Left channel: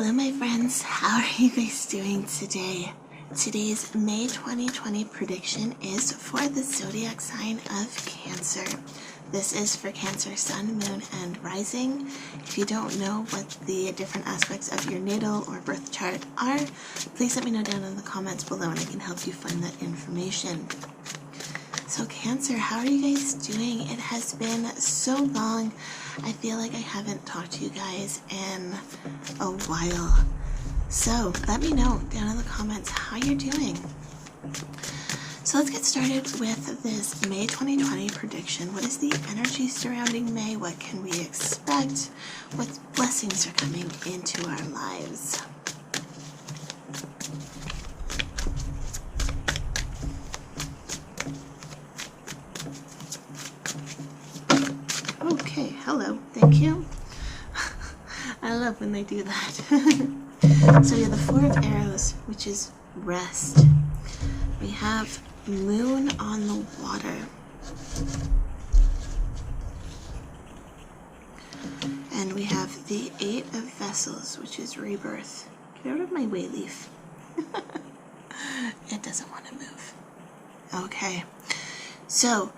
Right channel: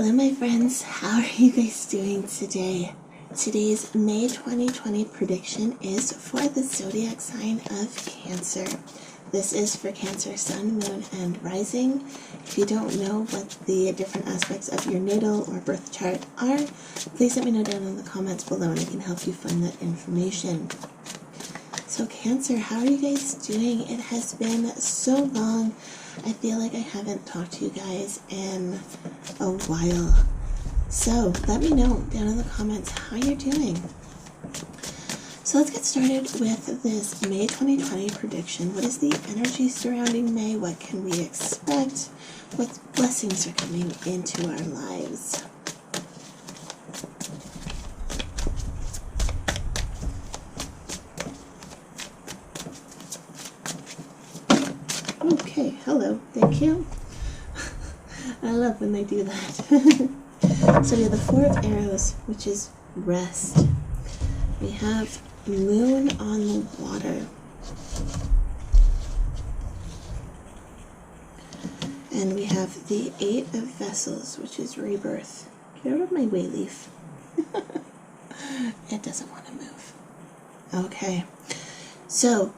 Hello my friends, how are you guys doing today? Today's May 2020 prediction is for the zodiac sign of Cancer. This is for Cancer, Sun, Moon, and Rising. If you don't know what the different aspects of your natal or birth chart are, please let me know down in the comments below and I can help you find that information. So Cancer, how are you guys doing? It has been so long. I feel like I haven't talked to you guys in a while. So let me know down in the comments how you're doing. So let's get started with this May 2020 prediction. What is the energy surrounding May? What can we expect? What blessings are coming into our lives? Okay, hello, thank you. I love when they do that. So we have the Four of Arrows, which is rest. We have Moon on the water. And we have the Eight of Vessels, which is rebirth. Get out of my way, Leaf. It doesn't want to move. Okay, so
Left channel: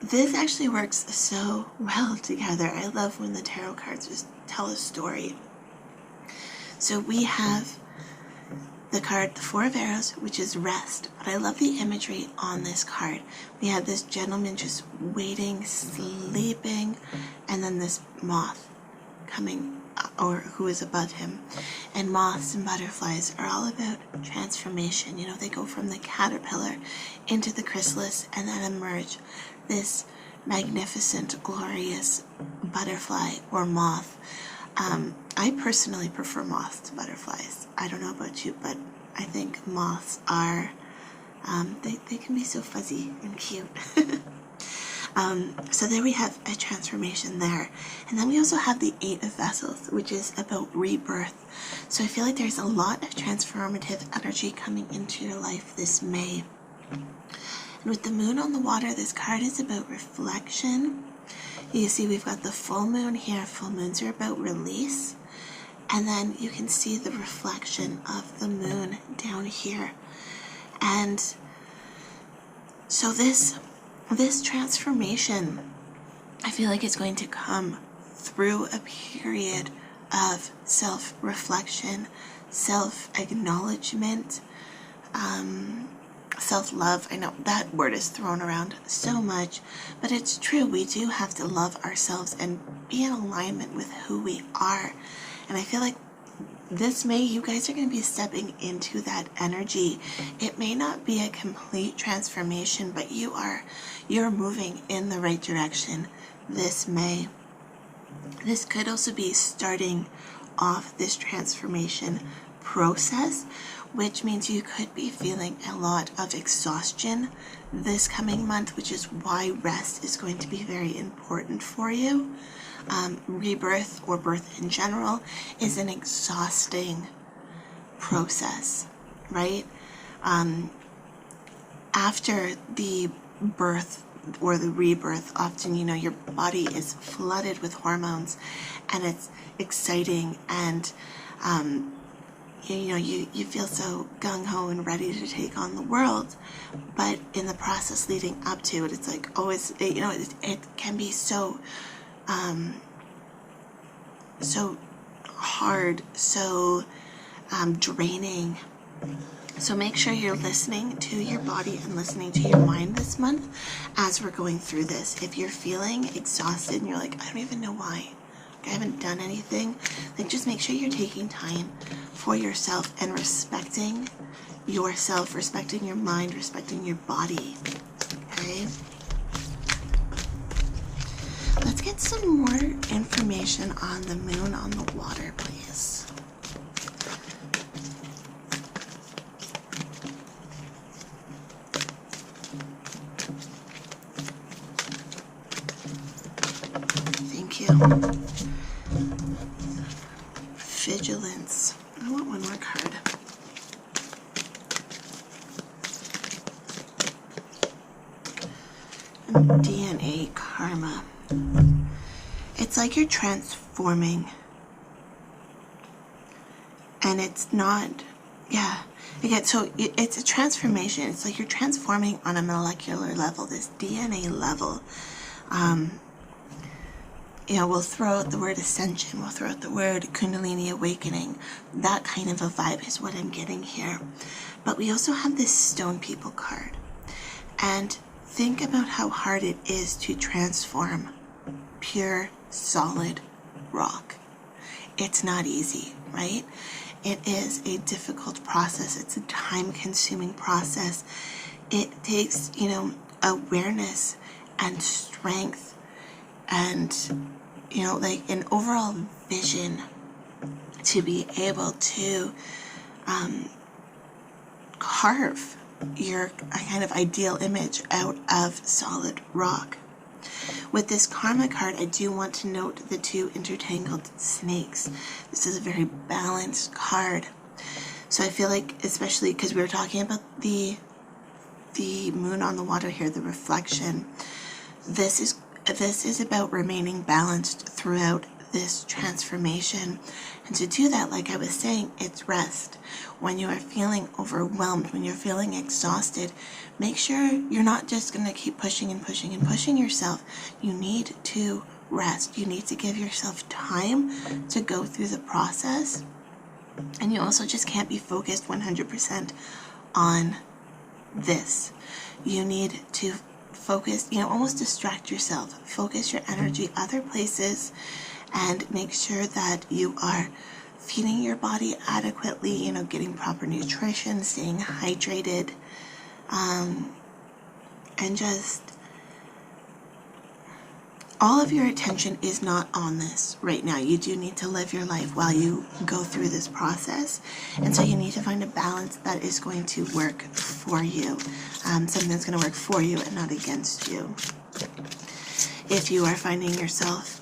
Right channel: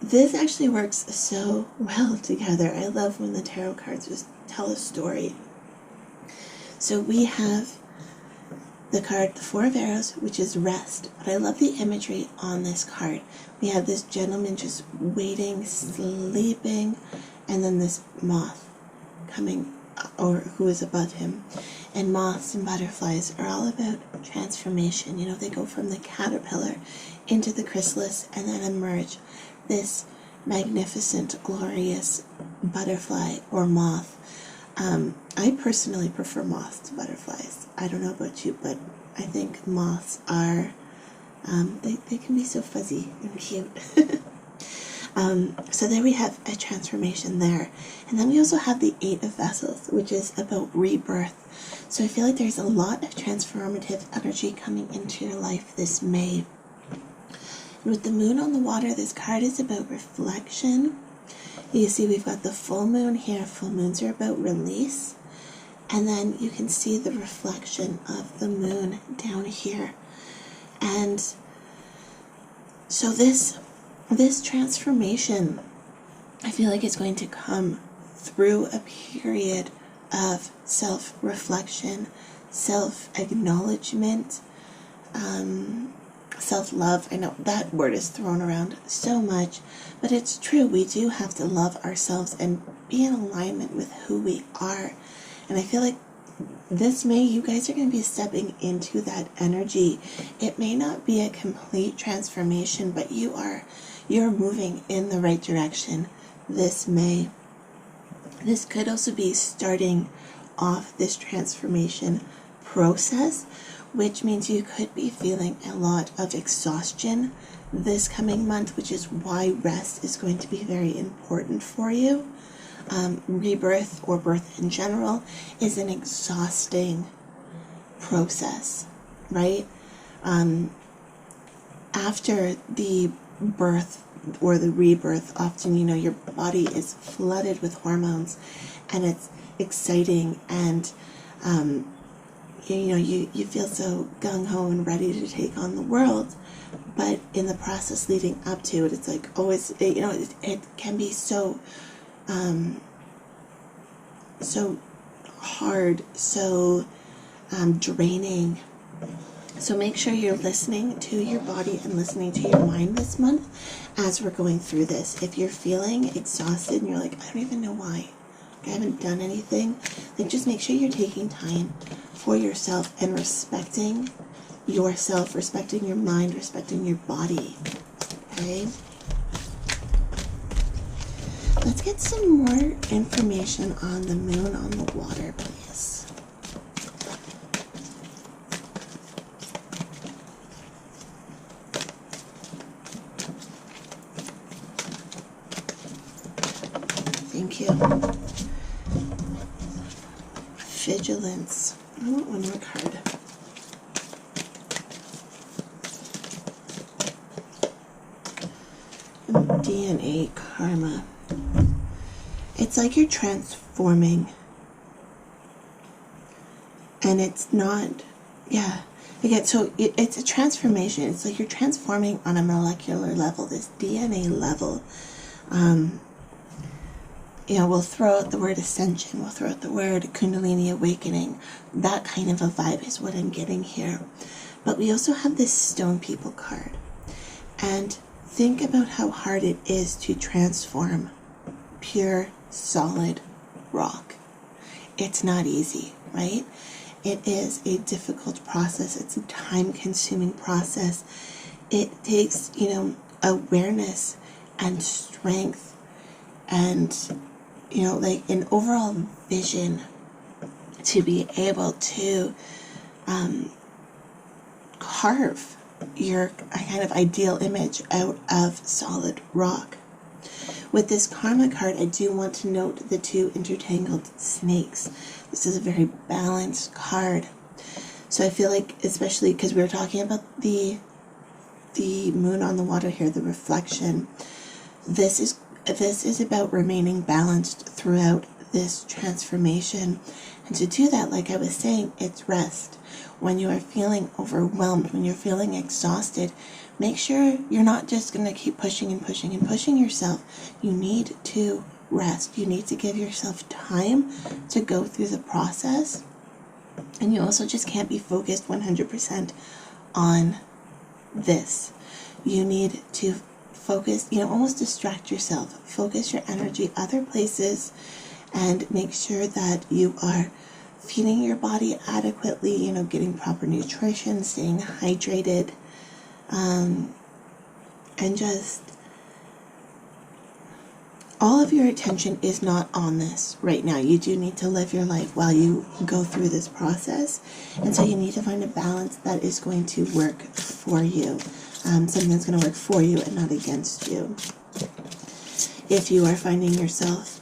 this actually works so well together. I love when the tarot cards just tell a story. So we have the card, the Four of Arrows, which is rest. But I love the imagery on this card. We have this gentleman just waiting, sleeping, and then this moth coming, or who is above him. And moths and butterflies are all about transformation. You know, they go from the caterpillar into the chrysalis and then emerge this magnificent, glorious butterfly or moth. I personally prefer moths to butterflies. I don't know about you, but I think moths are, they can be so fuzzy and cute. So there we have a transformation there. And then we also have the Eight of Vessels, which is about rebirth. So I feel like there's a lot of transformative energy coming into your life this May. And with the Moon on the water, this card is about reflection. You see we've got the full moon here. Full moons are about release. And then you can see the reflection of the moon down here. And so this transformation, I feel like it's going to come through a period of self-reflection, self-acknowledgement, self-love. I know that word is thrown around so much, but it's true. We do have to love ourselves and be in alignment with who we are. And I feel like this May, you guys are going to be stepping into that energy. It may not be a complete transformation, but you're moving in the right direction this May. This could also be starting off this transformation process, which means you could be feeling a lot of exhaustion this coming month, which is why rest is going to be very important for you. Rebirth or birth in general is an exhausting process, right? After the birth or the rebirth, often, you know, your body is flooded with hormones and it's exciting and, you know, you feel so gung-ho and ready to take on the world, but in the process leading up to it, it's like always, you know, it can be so so hard, so draining. So make sure you're listening to your body and listening to your mind this month as we're going through this. If you're feeling exhausted and you're like, I don't even know why, I haven't done anything, like just make sure you're taking time for yourself and respecting yourself, respecting your mind, respecting your body. Okay? Let's get some more information on the Moon on the water, please. Thank you. Vigilance. I want one more card. And DNA karma. It's like you're transforming And it's not, yeah. Again, so it's a transformation. It's like you're transforming on a molecular level, this DNA level. We'll throw out the word ascension. We'll throw out the word Kundalini awakening. That kind of a vibe is what I'm getting here. But we also have this stone people card. And think about how hard it is to transform pure, solid rock. It's not easy, right? It is a difficult process. It's a time-consuming process. It takes, awareness and strength and, like an overall vision to be able to carve your kind of ideal image out of solid rock. With this karma card, I do want to note the two intertangled snakes. This is a very balanced card. So I feel like, especially because we were talking about the moon on the water here, the reflection, this is about remaining balanced throughout this transformation. And to do that, like I was saying, it's rest. When you are feeling overwhelmed, when you're feeling exhausted, make sure you're not just going to keep pushing and pushing and pushing yourself. You need to rest. You need to give yourself time to go through the process. And you also just can't be focused 100% on this. You need to focus, almost distract yourself. Focus your energy other places and make sure that you are feeding your body adequately, getting proper nutrition, staying hydrated, and just all of your attention is not on this right now. You do need to live your life while you go through this process, and so you need to find a balance that is going to work for you, something that's going to work for you and not against you. If you are finding yourself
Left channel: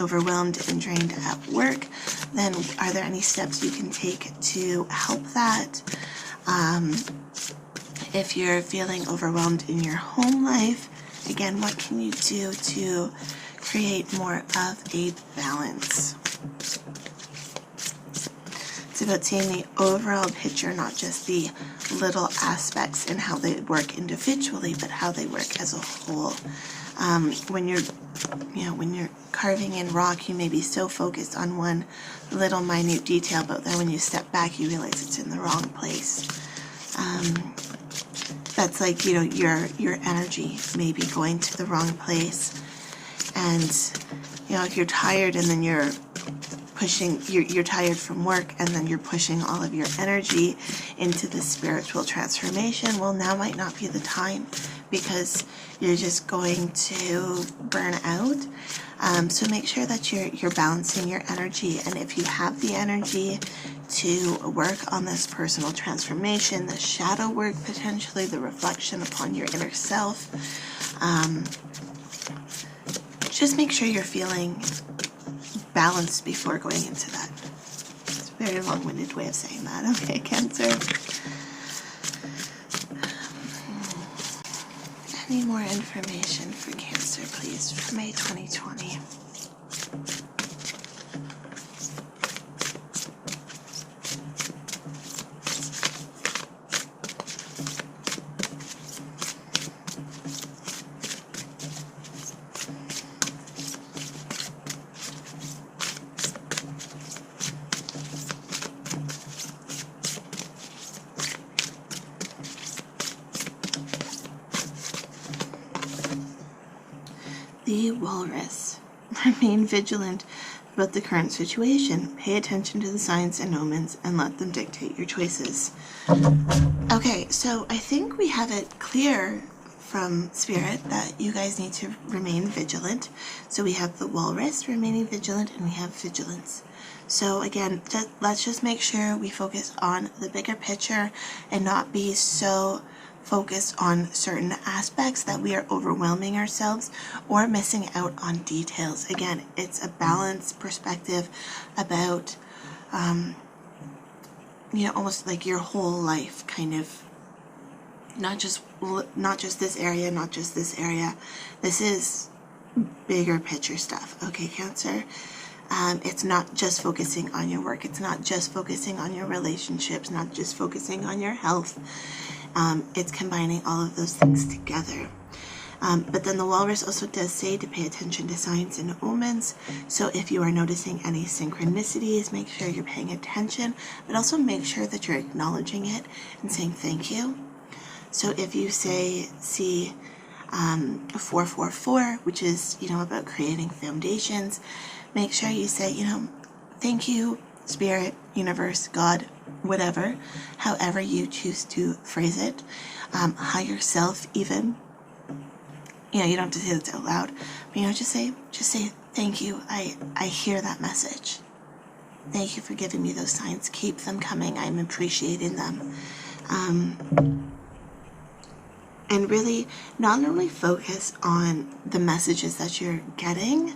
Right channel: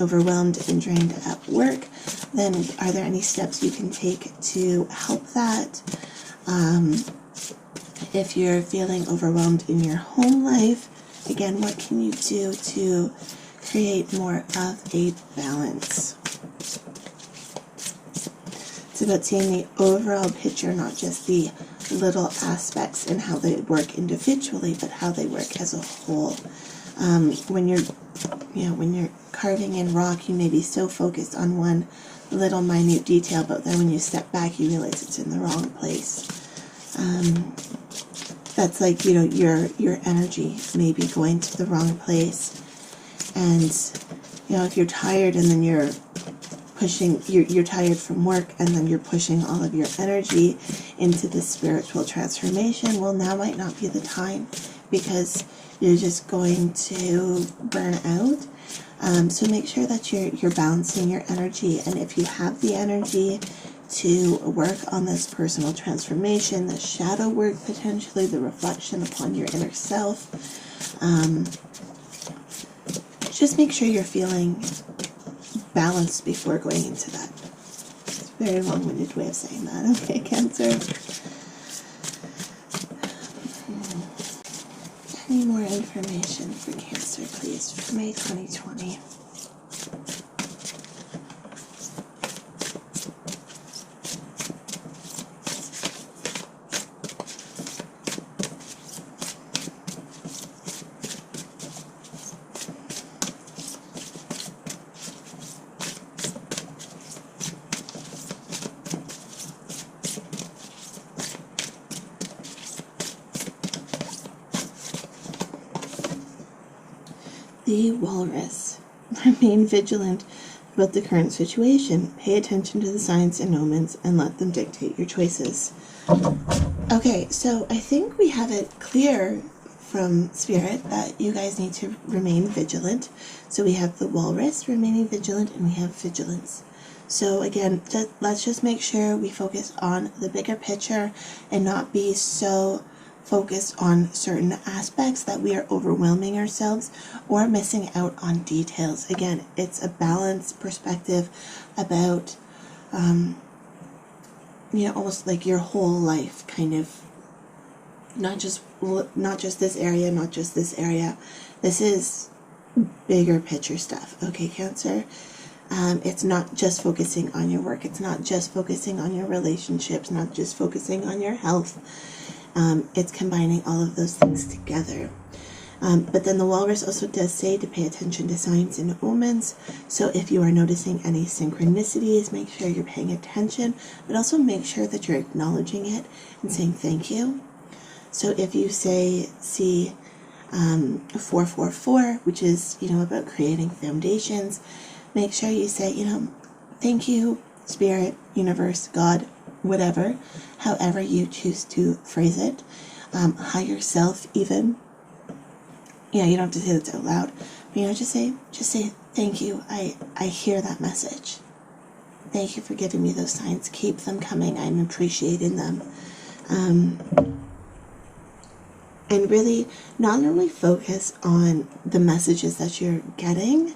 overwhelmed and drained at work, then are there any steps you can take to help that? If you're feeling overwhelmed in your home life, again, what can you do to create more of a balance? It's about seeing the overall picture, not just the little aspects and how they work individually, but how they work as a whole. When you're carving in rock, you may be so focused on one little minute detail, but then when you step back, you realize it's in the wrong place. That's like, your energy may be going to the wrong place. And, if you're tired and then you're pushing, you're tired from work and then you're pushing all of your energy into the spiritual transformation, well, now might not be the time because you're just going to burn out. So make sure that you're balancing your energy. And if you have the energy to work on this personal transformation, the shadow work, potentially the reflection upon your inner self, just make sure you're feeling balanced before going into that. It's a very long-winded way of saying that. Okay, Cancer. Any more information for Cancer, please, for May 2020? The Walrus. Remain vigilant about the current situation. Pay attention to the signs and omens and let them dictate your choices. Okay, so I think we have it clear from Spirit that you guys need to remain vigilant. So we have the Walrus remaining vigilant and we have vigilance. So again, let's just make sure we focus on the bigger picture and not be so focused on certain aspects that we are overwhelming ourselves or missing out on details. Again, it's a balanced perspective about, almost like your whole life, kind of, not just this area, not just this area. This is bigger picture stuff. Okay, Cancer. It's not just focusing on your work. It's not just focusing on your relationships, not just focusing on your health. It's combining all of those things together. But then the walrus also does say to pay attention to signs and omens. So if you are noticing any synchronicities, make sure you're paying attention, but also make sure that you're acknowledging it and saying thank you. So if you see 444, which is, about creating foundations, make sure you say, thank you, Spirit, Universe, God, whatever, however you choose to phrase it, higher self even. You don't have to say that out loud, but just say thank you. I hear that message. Thank you for giving me those signs. Keep them coming. I'm appreciating them. And really not only focus on the messages that you're getting,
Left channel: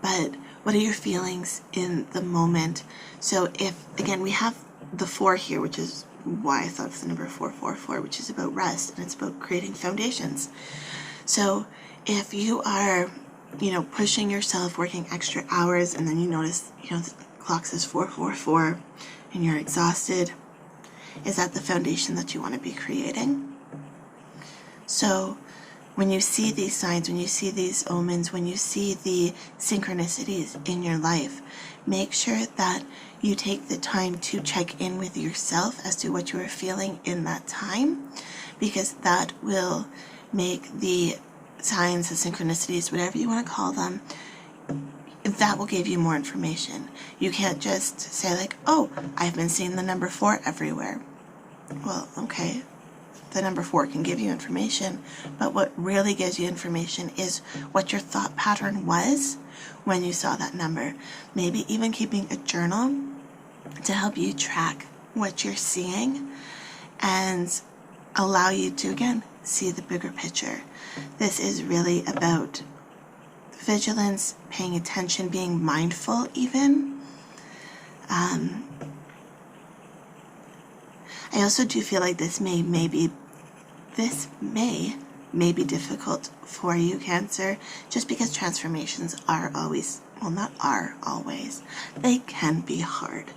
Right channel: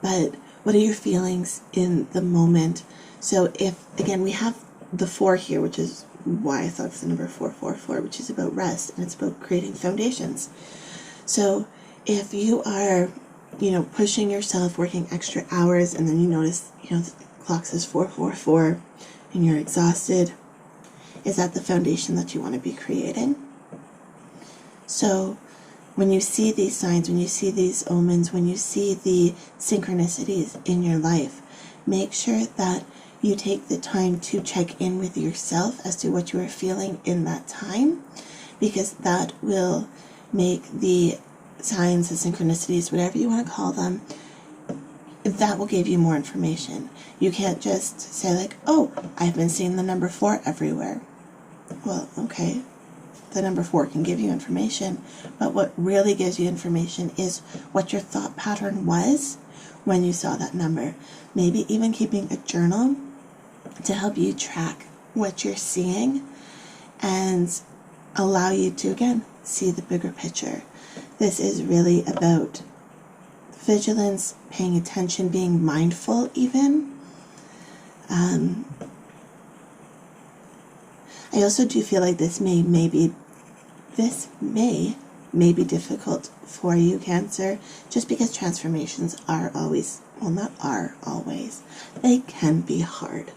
but what are your feelings in the moment? So if, again, we have the 4 here, which is why I thought of the number 444, which is about rest, and it's about creating foundations. So if you are, pushing yourself, working extra hours, and then you notice, the clock says 444, and you're exhausted, is that the foundation that you want to be creating? So when you see these signs, when you see these omens, when you see the synchronicities in your life, make sure that you take the time to check in with yourself as to what you are feeling in that time, because that will make the signs, the synchronicities, whatever you want to call them, that will give you more information. You can't just say like, oh, I've been seeing the number 4 everywhere. Well, okay. The number 4 can give you information, but what really gives you information is what your thought pattern was when you saw that number. Maybe even keeping a journal to help you track what you're seeing and allow you to, again, see the bigger picture. This is really about vigilance, paying attention, being mindful even. I also do feel like this may be difficult for you, Cancer, just because transformations are always, well, not are always, they can be hard.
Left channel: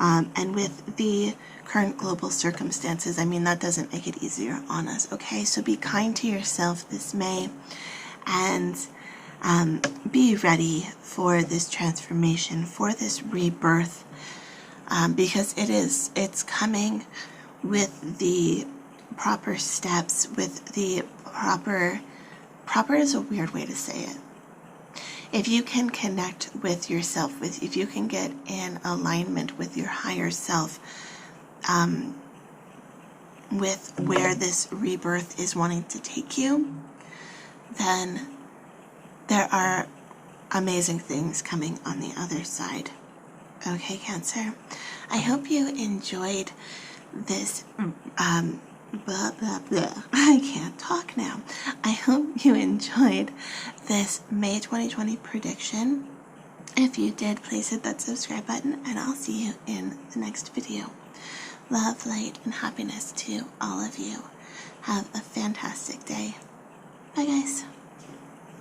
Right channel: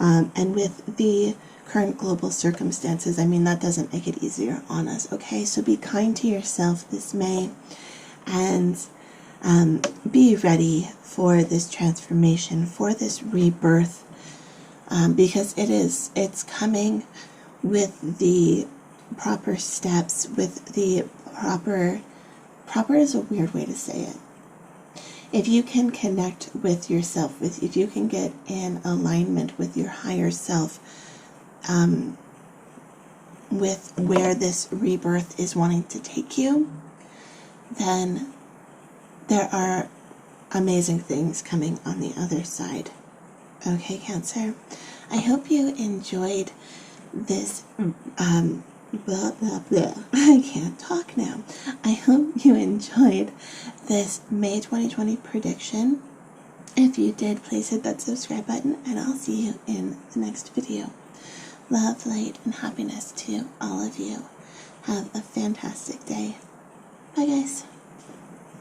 And with the current global circumstances, that doesn't make it easier on us, okay? So be kind to yourself this May, and be ready for this transformation, for this rebirth, because it's coming with the proper steps, with the proper is a weird way to say it. If you can connect with yourself, if you can get in alignment with your higher self, with where this rebirth is wanting to take you, then there are amazing things coming on the other side. Okay, Cancer? I hope you enjoyed this, blah, blah, blah. I can't talk now. I hope you enjoyed this May 2020 prediction. If you did, please hit that subscribe button, and I'll see you in the next video. Love, light, and happiness to all of you. Have a fantastic day. Bye, guys.